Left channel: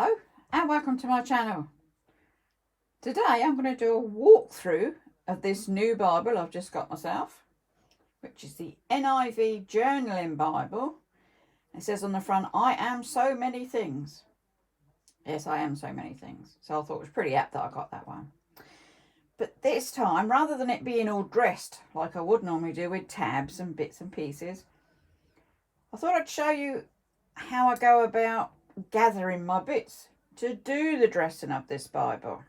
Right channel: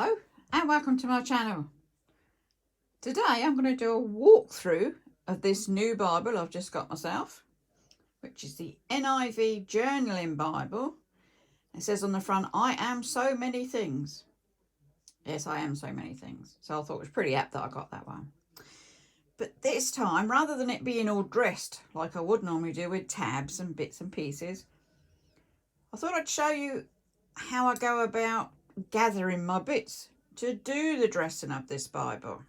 Hello and welcome to my channel. Today I'm going to do a walkthrough of this new Bible I've just got myself, which is the NIV Journalling Bible. It says on the front, I am so many things. Yes, I am so many things. So I thought it was pretty apt that I got that one. But this time, rather than it being all dressed like I would normally do with tabs and bits and pieces, I thought I'd show you how I go about gathering my bits to do the dressing of this Bible.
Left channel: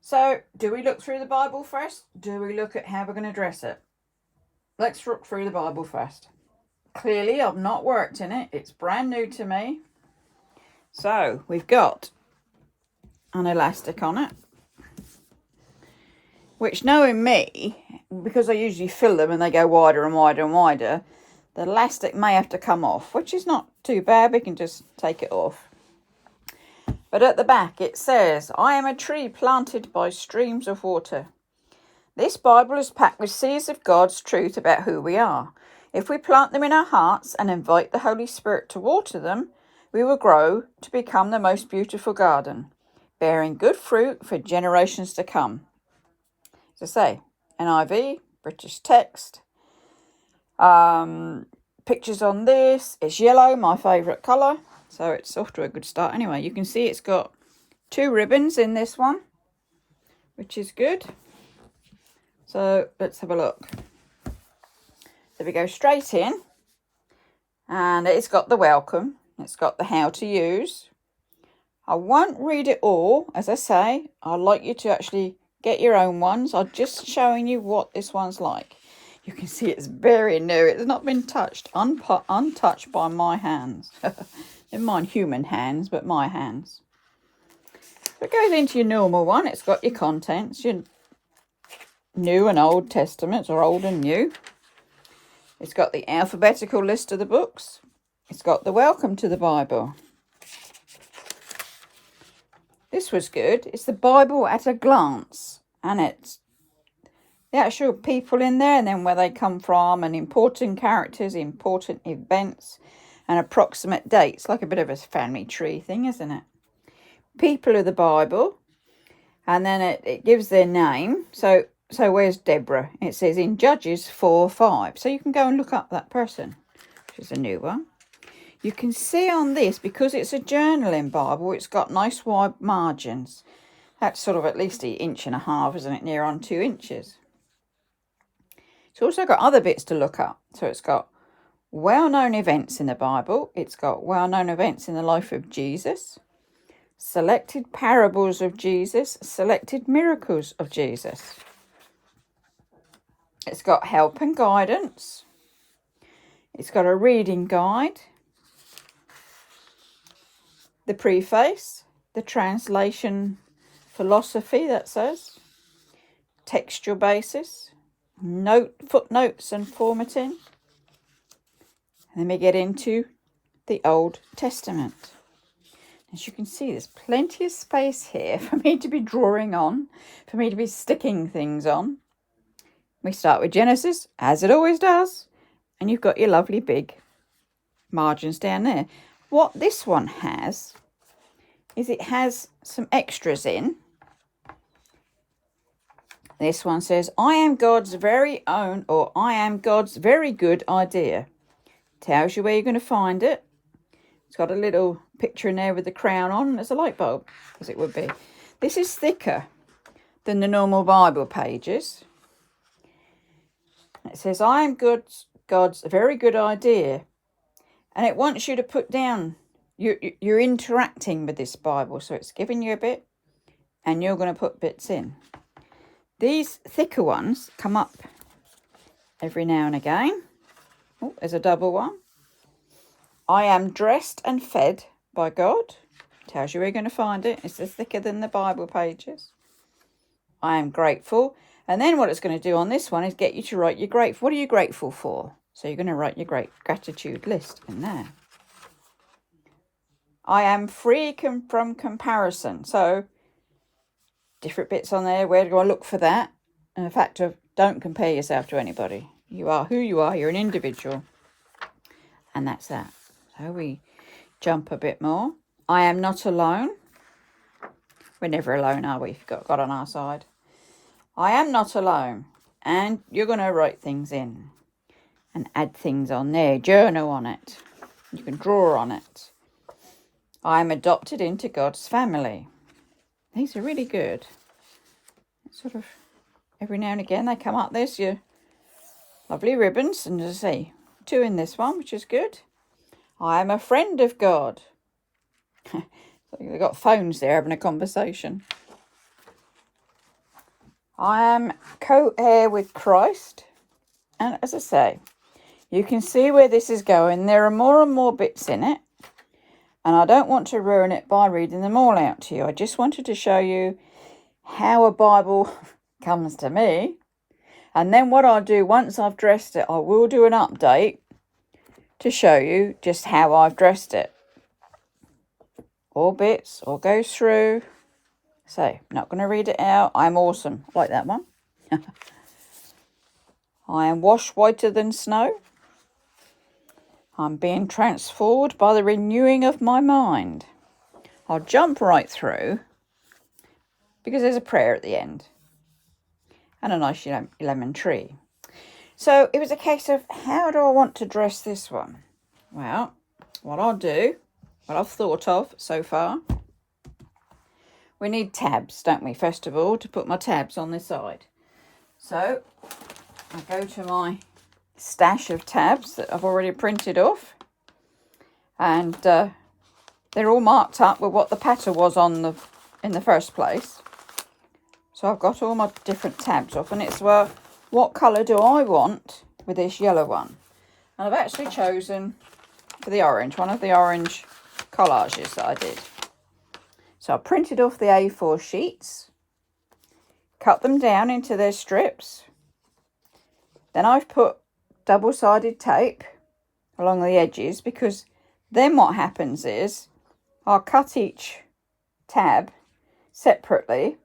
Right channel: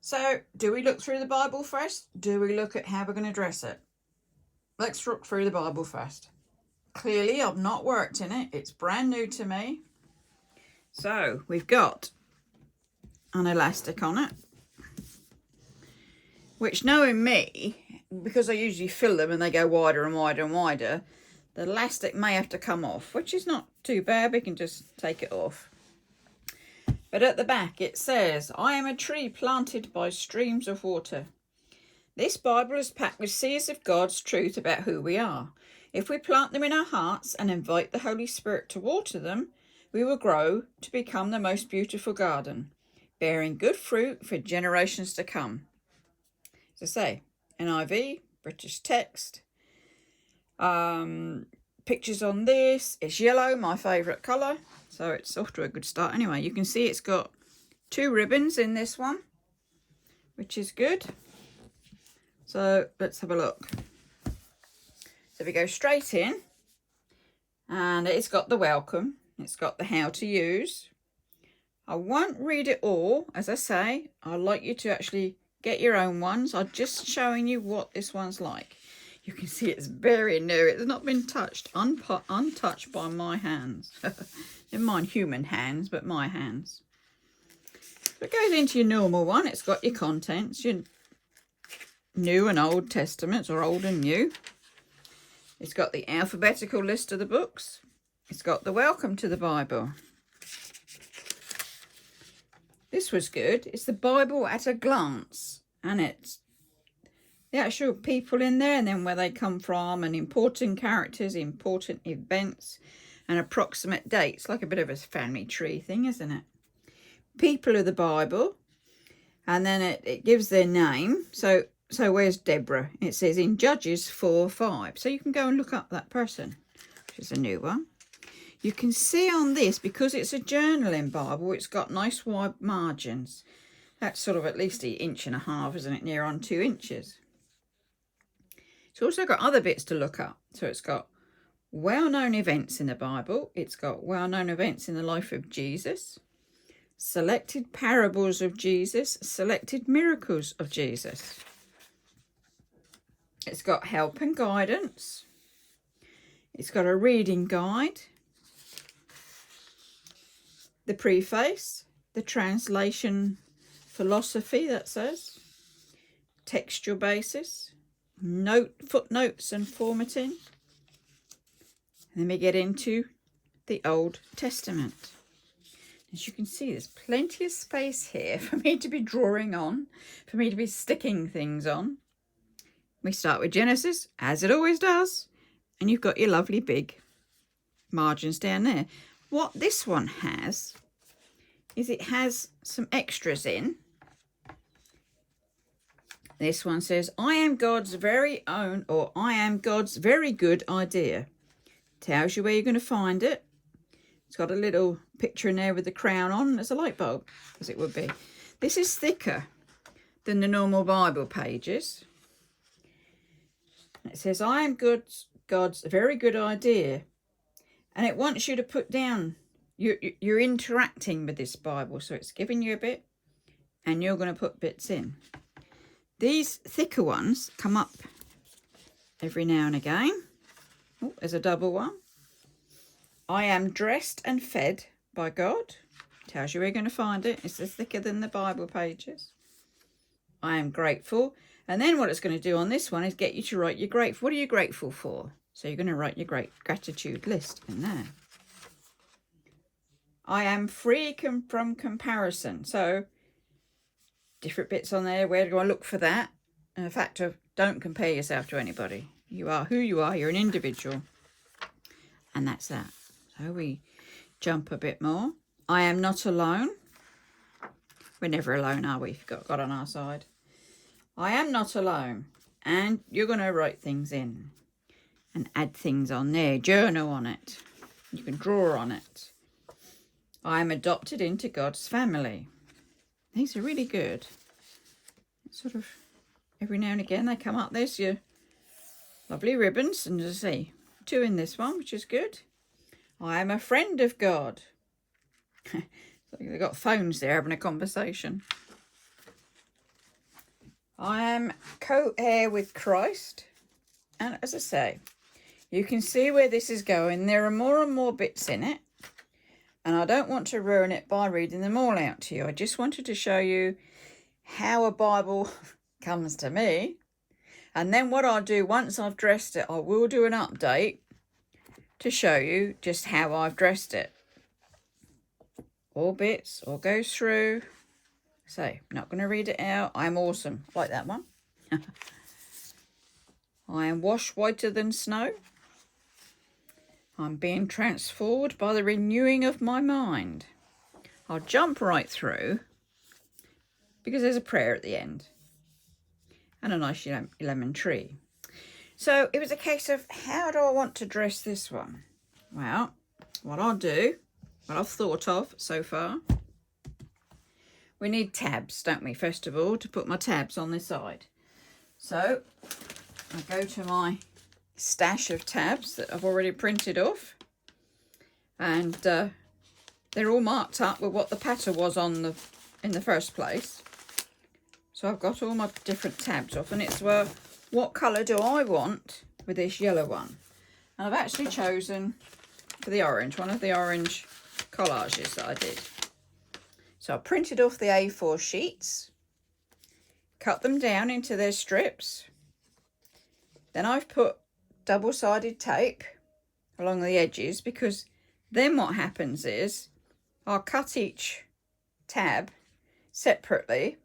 So, do we look through the Bible first? Do we look at how we're going to dress it? Let's look through the Bible first. Clearly, I've not worked in it. It's brand new to me. So, we've got an elastic on it, which, knowing me, because I usually fill them and they go wider and wider and wider, the elastic may have to come off, which is not too bad. We can just take it off. But at the back it says, I am a tree planted by streams of water. This Bible is packed with seeds of God's truth about who we are. If we plant them in our hearts and invite the Holy Spirit to water them, we will grow to become the most beautiful garden, bearing good fruit for generations to come. As I say, NIV, British text. Pictures on this. It's yellow, my favourite colour. So it's off to a good start. Anyway, you can see it's got 2 ribbons in this one, which is good. So let's have a look. So we go straight in, and it's got the welcome. It's got the how to use. I won't read it all. As I say, I'd like you to actually get your own ones. I'm just showing you what this one's like. You can see it's very new. It's not been touched, untouched by my hands. Never mind human hands, but my hands. So it goes into your normal one. It's got your contents, your New and Old Testaments, or Old and New. It's got the alphabetical list of the books. It's got the welcome to the Bible. This was good. It's the Bible at a glance, and it's the actual people in there, and then where they come from, and important characters, important events, and approximate dates, like a bit of a family tree thing, isn't it? People of the Bible, and then it gives their name. So where's Deborah? It says in Judges 4:5. So you can go and look up that person, which is a new one. You can see on this, because it's a journaling Bible, it's got nice wide margins. That's sort of at least 1.5 inches, isn't it? Near on 2 inches. It's also got other bits to look up. So it's got well-known events in the Bible. It's got well-known events in the life of Jesus. Selected parables of Jesus. Selected miracles of Jesus. It's got help and guidance. It's got a reading guide. The preface. The translation philosophy, that says. Textual basis. Footnotes and formatting. And then we get into the Old Testament. As you can see, there's plenty of space here for me to be drawing on, for me to be sticking things on. We start with Genesis, as it always does, and you've got your lovely big margins down there. What this one has is it has some extras in. This one says, I am God's very own, or I am God's very good idea. Tells you where you're going to find it. It's got a little picture in there with the crown on. There's a light bulb, as it would be. This is thicker than the normal Bible pages. It says, I am God's very good idea. And it wants you to put down, you're interacting with this Bible. So it's giving you a bit, and you're going to put bits in. These thicker ones come up every now and again. Oh, there's a double one. I am dressed and fed by God. Tells you where you're going to find it. It's thicker than the Bible pages. I am grateful. And then what it's going to do on this one is get you to write your grateful. What are you grateful for? So you're going to write your gratitude list in there. I am free from comparison. So different bits on there. Where do I look for that? And the fact of don't compare yourself to anybody. You are who you are. You're an individual. And that's that. So we jump a bit more. I am not alone. We're never alone, are we? If you've got God on our side. I am not alone. And you're going to write things in and add things on there. Journal on it. You can draw on it. I am adopted into God's family. These are really good. Sort of every now and again they come up. There's your lovely ribbons. And as I say, 2 in this one, which is good. I am a friend of God. So they've got phones there having a conversation. I am co-heir with Christ. And as I say, you can see where this is going. There are more and more bits in it. And I don't want to ruin it by reading them all out to you. I just wanted to show you how a Bible comes to me. And then what I'll do, once I've dressed it, I will do an update to show you just how I've dressed it. All bits, all goes through. So, not going to read it out. I'm awesome. Like that one. I am washed whiter than snow. I'm being transformed by the renewing of my mind. I'll jump right through because there's a prayer at the end and a nice lemon tree. So it was a case of, how do I want to dress this one? Well, what I'll do, what I've thought of so far, we need tabs, don't we, first of all, to put my tabs on this side. So I go to my stash of tabs that I've already printed off, and they're all marked up with what the pattern was on in the first place. So I've got all my different tabs off, and it's, well, what colour do I want with this yellow one? And I've actually chosen for the orange, one of the orange collages that I did. So I printed off the A4 sheets, cut them down into their strips. Then I've put double-sided tape along the edges, because then what happens is I'll cut each tab separately,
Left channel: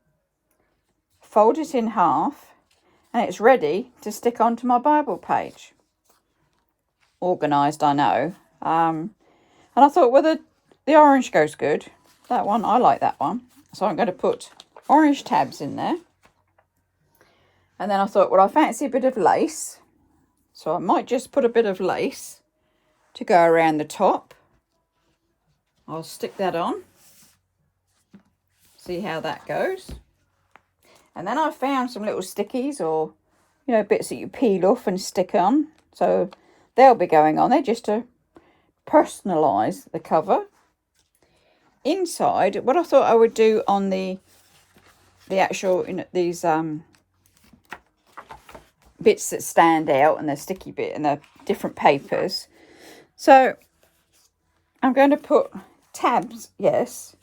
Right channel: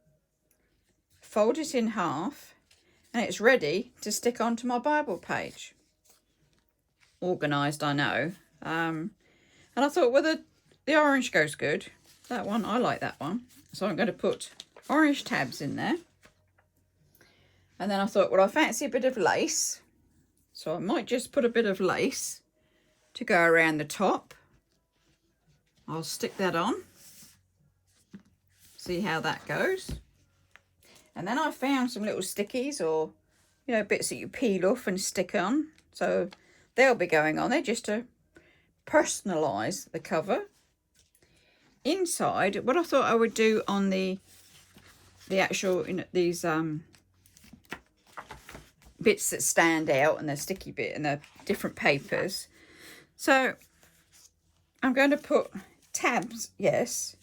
fold it in half, and it's ready to stick onto my Bible page. Organised, I know. And I thought, well, the orange goes good. That one, I like that one. So I'm going to put orange tabs in there. And then I thought, well, I fancy a bit of lace. So I might just put a bit of lace to go around the top. I'll stick that on. See how that goes. And then I found some little stickies, or, you know, bits that you peel off and stick on. So they'll be going on there just to personalise the cover. Inside, what I thought I would do on the actual, you know, these bits that stand out, and the sticky bit and the different papers. So I'm going to put tabs, yes,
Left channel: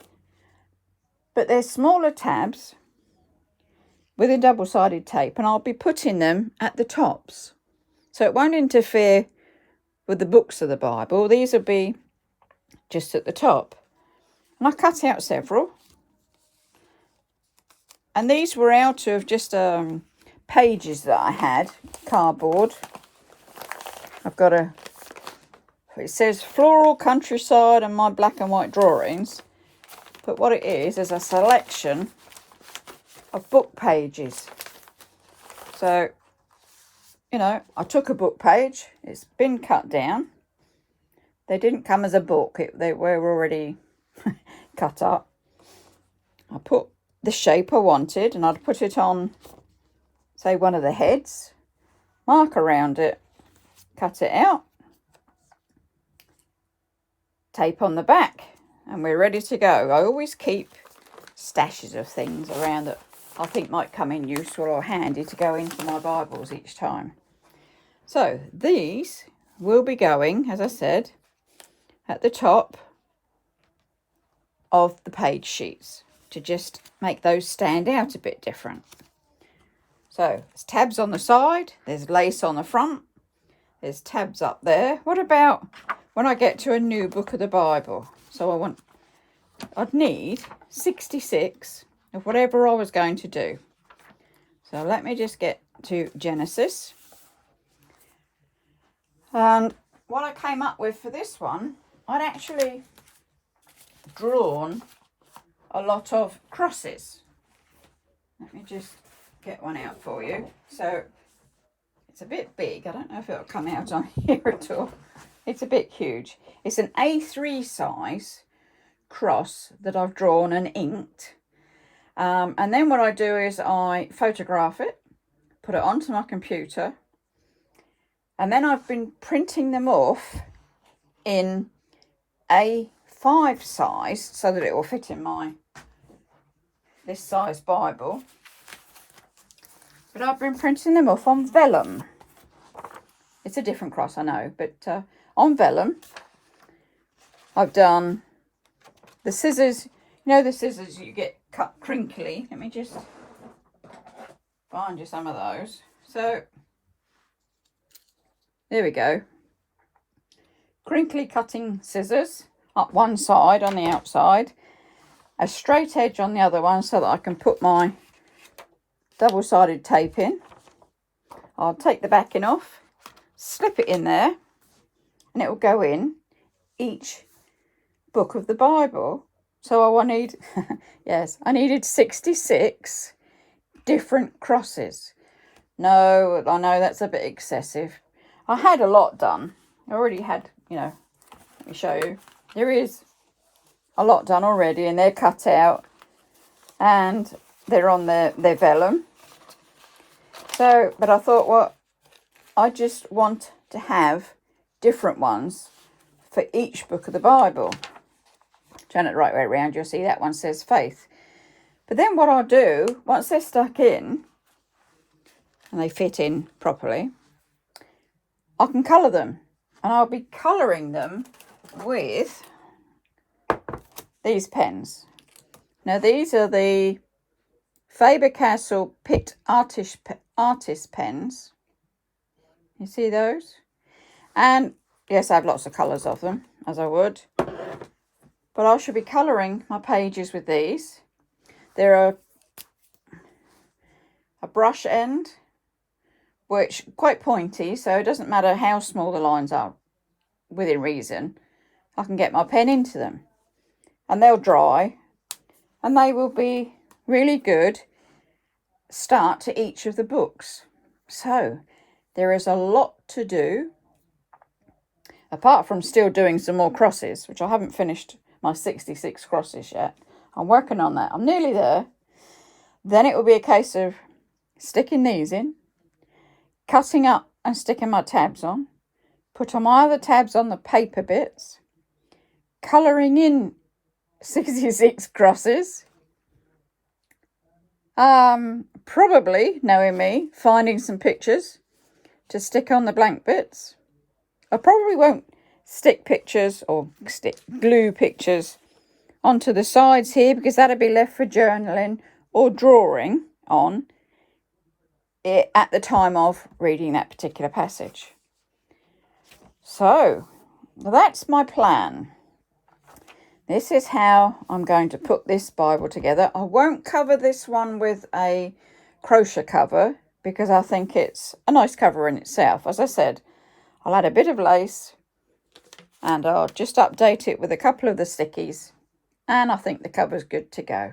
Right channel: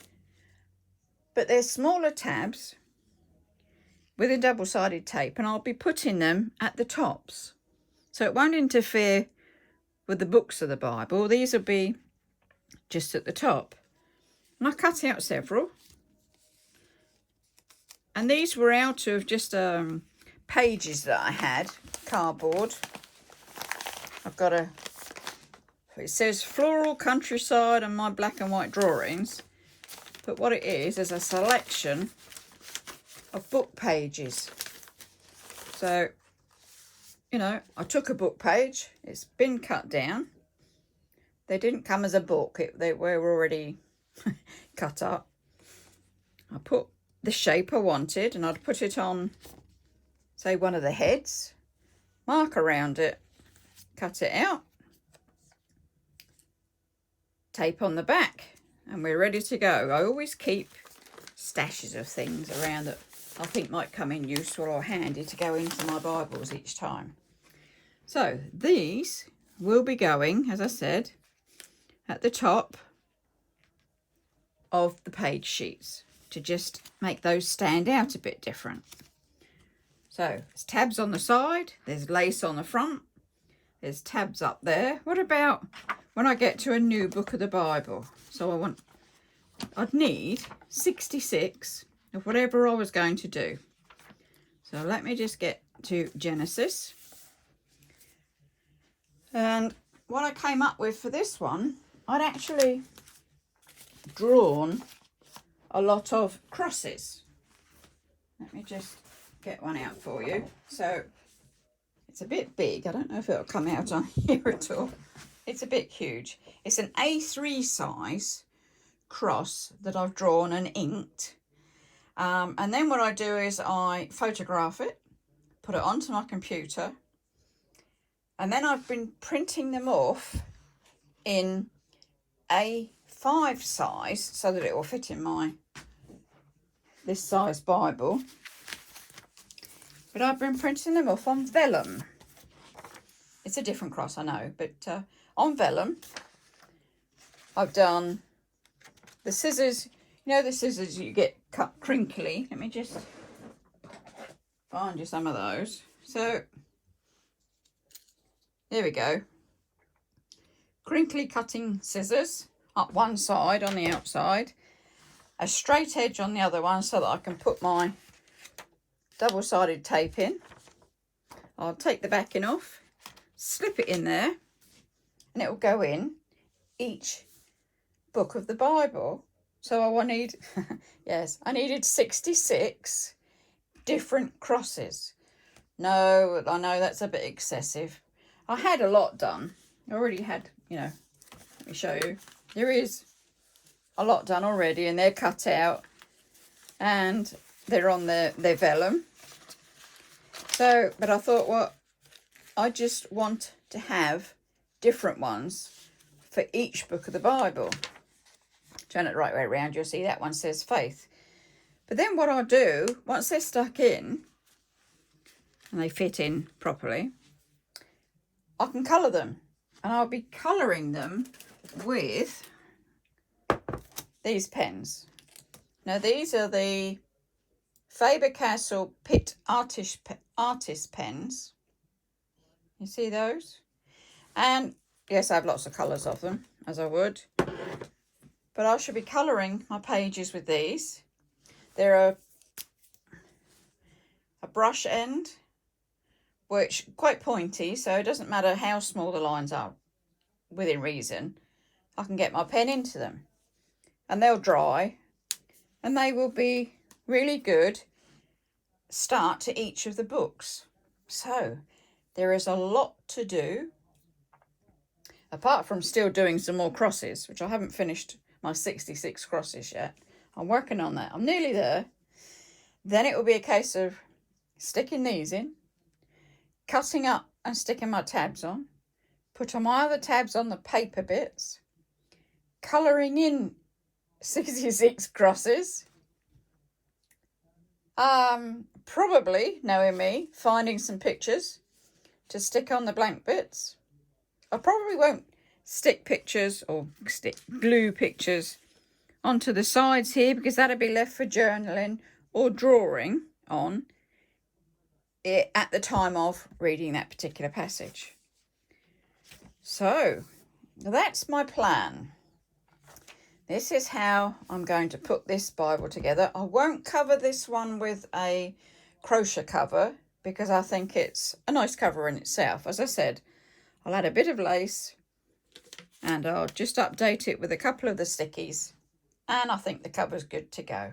but they're smaller tabs with a double-sided tape, and I'll be putting them at the tops. So it won't interfere with the books of the Bible. These will be just at the top. And I cut out several. And these were out of just pages that I had, cardboard. I've got it says Floral Countryside and my black and white drawings. But what it is a selection of book pages. So, you know, I took a book page. It's been cut down. They didn't come as a book. They were already cut up. I put the shape I wanted, and I'd put it on, say, one of the heads, mark around it, cut it out, tape on the back, and we're ready to go. I always keep stashes of things around that I think might come in useful or handy to go into my Bibles each time. So these will be going, as I said, at the top of the page sheets to just make those stand out a bit different. So there's tabs on the side, there's lace on the front, there's tabs up there. What about when I get to a new book of the Bible? So I'd need 66 of whatever I was going to do. So let me just get to Genesis. And what I came up with for this one, I'd actually drawn a lot of crosses. Let me just get one out for you. So it's a bit big. I don't know if it'll come out on here at all. It's a bit huge. It's an A3 size cross that I've drawn and inked. And then what I do is I photograph it, put it onto my computer, and then I've been printing them off in A5 size so that it will fit in my this size Bible. But I've been printing them off on vellum. It's a different cross, I know, but on vellum I've done the scissors. You know the scissors you get cut crinkly. Let me just find you some of those. So there we go. Crinkly cutting scissors up one side on the outside, a straight edge on the other one so that I can put my double-sided tape in. I'll take the backing off, slip it in there, and it will go in each book of the Bible. So I need, yes, I needed 66 different crosses. No, I know that's a bit excessive. I had a lot done. I already had, you know, let me show you. There is a lot done already, and they're cut out and they're on their vellum. So, but I thought, well, I just want to have different ones for each book of the Bible. Turn it the right way around, you'll see that one says faith. But then what I'll do, once they're stuck in and they fit in properly, I can colour them. And I'll be colouring them with these pens. Now these are the Faber-Castell Pitt Artist pens. You see those? And yes, I have lots of colours of them, as I would. But I should be colouring my pages with these. They're a brush end, which quite pointy, so it doesn't matter how small the lines are, within reason. I can get my pen into them. And they'll dry. And they will be really good start to each of the books. So there is a lot to do. Apart from still doing some more crosses, which I haven't finished my 66 crosses yet. I'm working on that. I'm nearly there. Then it will be a case of sticking these in, cutting up and sticking my tabs on, put on my other tabs on the paper bits, colouring in 66 crosses, probably, knowing me, finding some pictures to stick on the blank bits. I probably won't stick pictures or glue pictures onto the sides here because that'll be left for journaling or drawing on it at the time of reading that particular passage. So that's my plan. This is how I'm going to put this Bible together. I won't cover this one with a crochet cover because I think it's a nice cover in itself. As I said, I'll add a bit of lace and I'll just update it with a couple of the stickies, and I think the cover's good to go.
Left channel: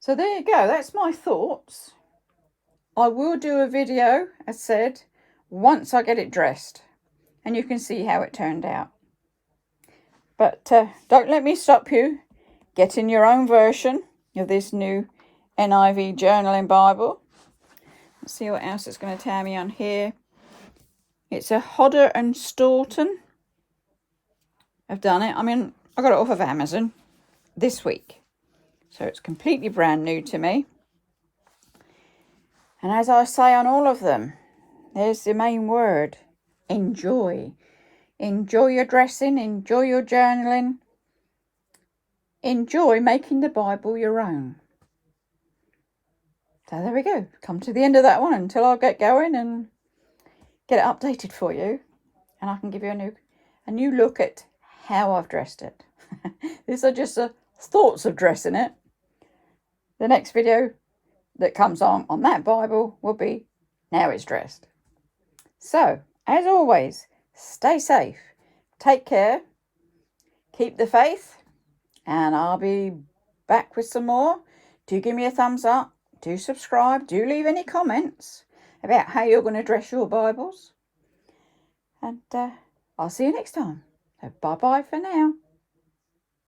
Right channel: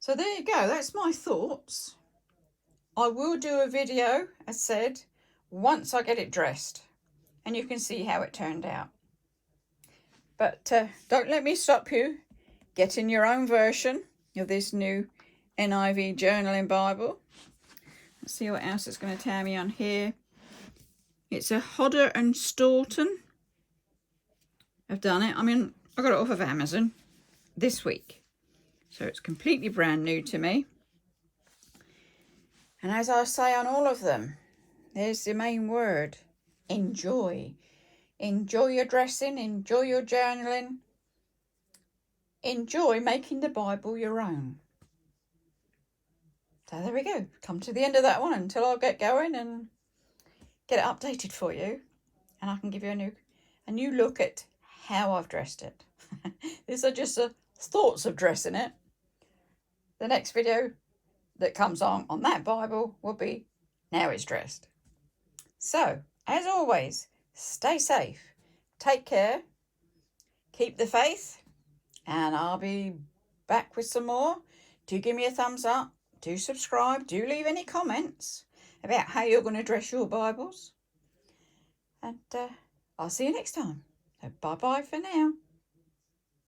So there you go, that's my thoughts. I will do a video, as said, once I get it dressed, and you can see how it turned out. But don't let me stop you getting your own version of this new NIV Journaling Bible. Let's see what else it's going to tell me on here. It's a Hodder and Staunton. I've done it. I mean, I got it off of Amazon this week. So it's completely brand new to me. And as I say on all of them, there's the main word, enjoy. Enjoy your dressing, enjoy your journaling. Enjoy making the Bible your own. So there we go. Come to the end of that one until I get going and get it updated for you, and I can give you a new look at how I've dressed it. These are just thoughts of dressing it. The next video that comes on that Bible will be now it's dressed. So, as always, stay safe, take care, keep the faith, and I'll be back with some more. Do give me a thumbs up. Do subscribe. Do leave any comments about how you're going to dress your Bibles. And I'll see you next time. So bye-bye for now.